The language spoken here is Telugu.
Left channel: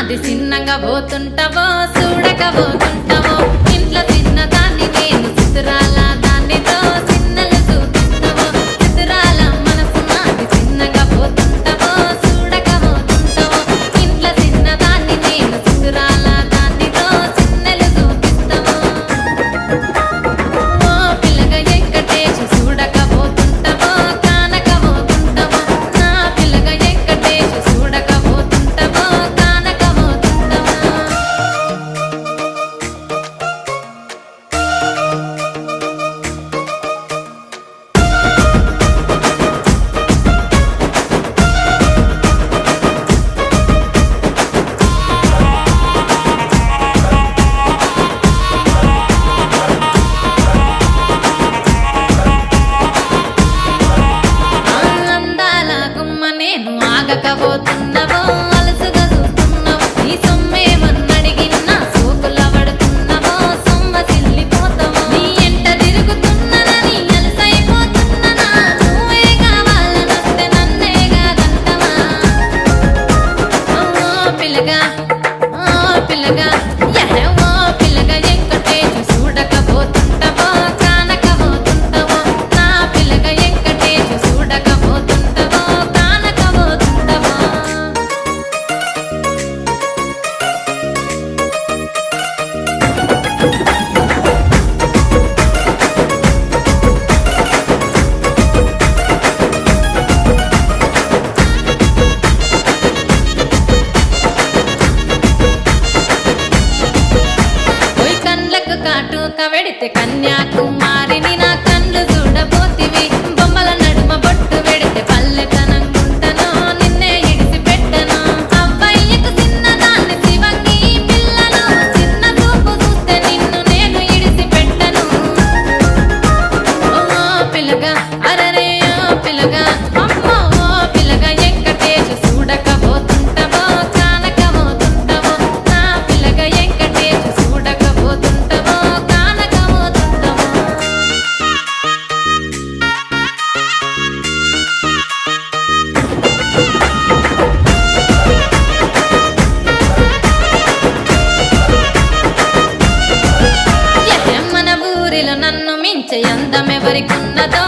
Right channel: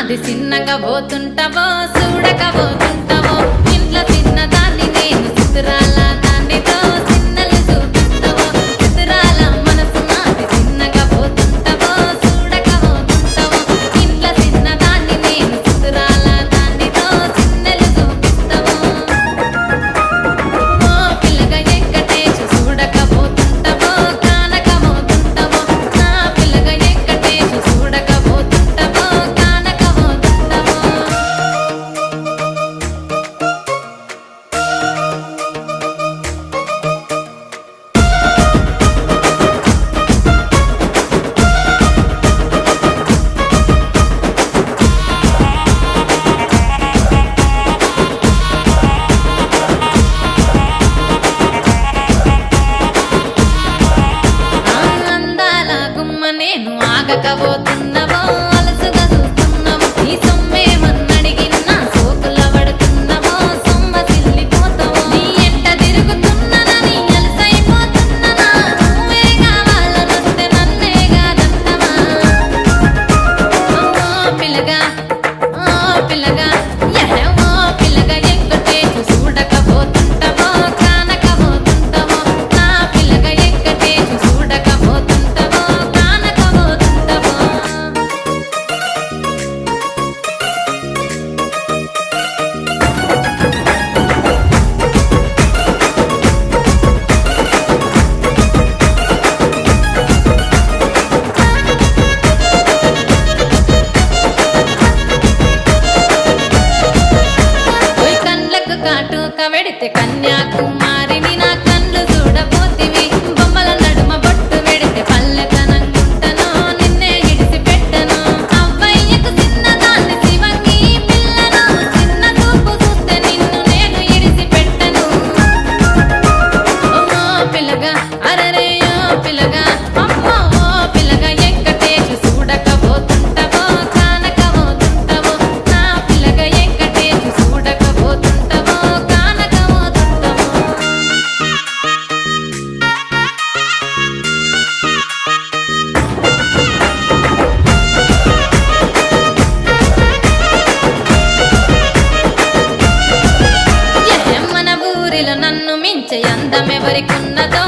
నాది చిన్నగా పోతుంటావో చూడకపోతుంటావో ఇంట్లో చిన్నదాన్ని నేను సుతురాల దాన్నితో చిన్నలు చూపిస్తావో సుతురాల మనసు నాది చిన్నగా పోతుంటావో చూడకపోతుంటావో ఇంట్లో చిన్నదాన్ని నేను సుతురాల దాన్నితో చిన్నలు చూపిస్తావో ఓ పిల్లగా వెంకటేశు చూడకపోతుంటావో కానకపోతుంటావో నా పిల్లగా వెంకటేశు చూడకపోతుంటావో కానకపోతుంటావో అందాల గుమ్మ నేను ఆగకపోతున్నావో అలసుగా చూస్తున్నావో నీ సొమ్మేమన్నడిగిన్నా సోకుల పడుతున్నావో సొమ్మ సిల్లిపోతావో నీ ఎంట తిరుగుతున్నానని అలసైపోతున్నానా నువ్వే కావాలనొస్తే నన్నే కాదంటవా ఓ పిల్లగా ఓ పిల్లగా ఓ పిల్లగా వెంకటేశు చూడకపోతుంటావో కానకపోతుంటావో నా పిల్లగా వెంకటేశు చూడకపోతుంటావో కానకపోతుంటావో ఓయ్ కండ్లకు కాటుక వెడితే కన్యాకుమారిని నా కండ్లు చూడపోతివి బొమ్మల నడుమ బొట్టు వెడితే పల్లెతనంగుంటను నిన్నే ఇడిసి పెట్టను అవ్వయ్యకు చిన్నదాన్ని శివంగి పిల్లను చిన్న చూపు చూస్తే నిన్ను నేను ఇడిసి పెట్టను ఓ పిల్లగా అరరే ఓ పిల్లగా అమ్మో ఓ పిల్లగా వెంకటేశు చూడకపోతుంటావో కానకపోతుంటావో నా పిల్లగా వెంకటేశు చూడకపోతుంటావో కానకపోతుంటావో మన ఊరిలో నన్ను మించే అందమెవరికున్నదో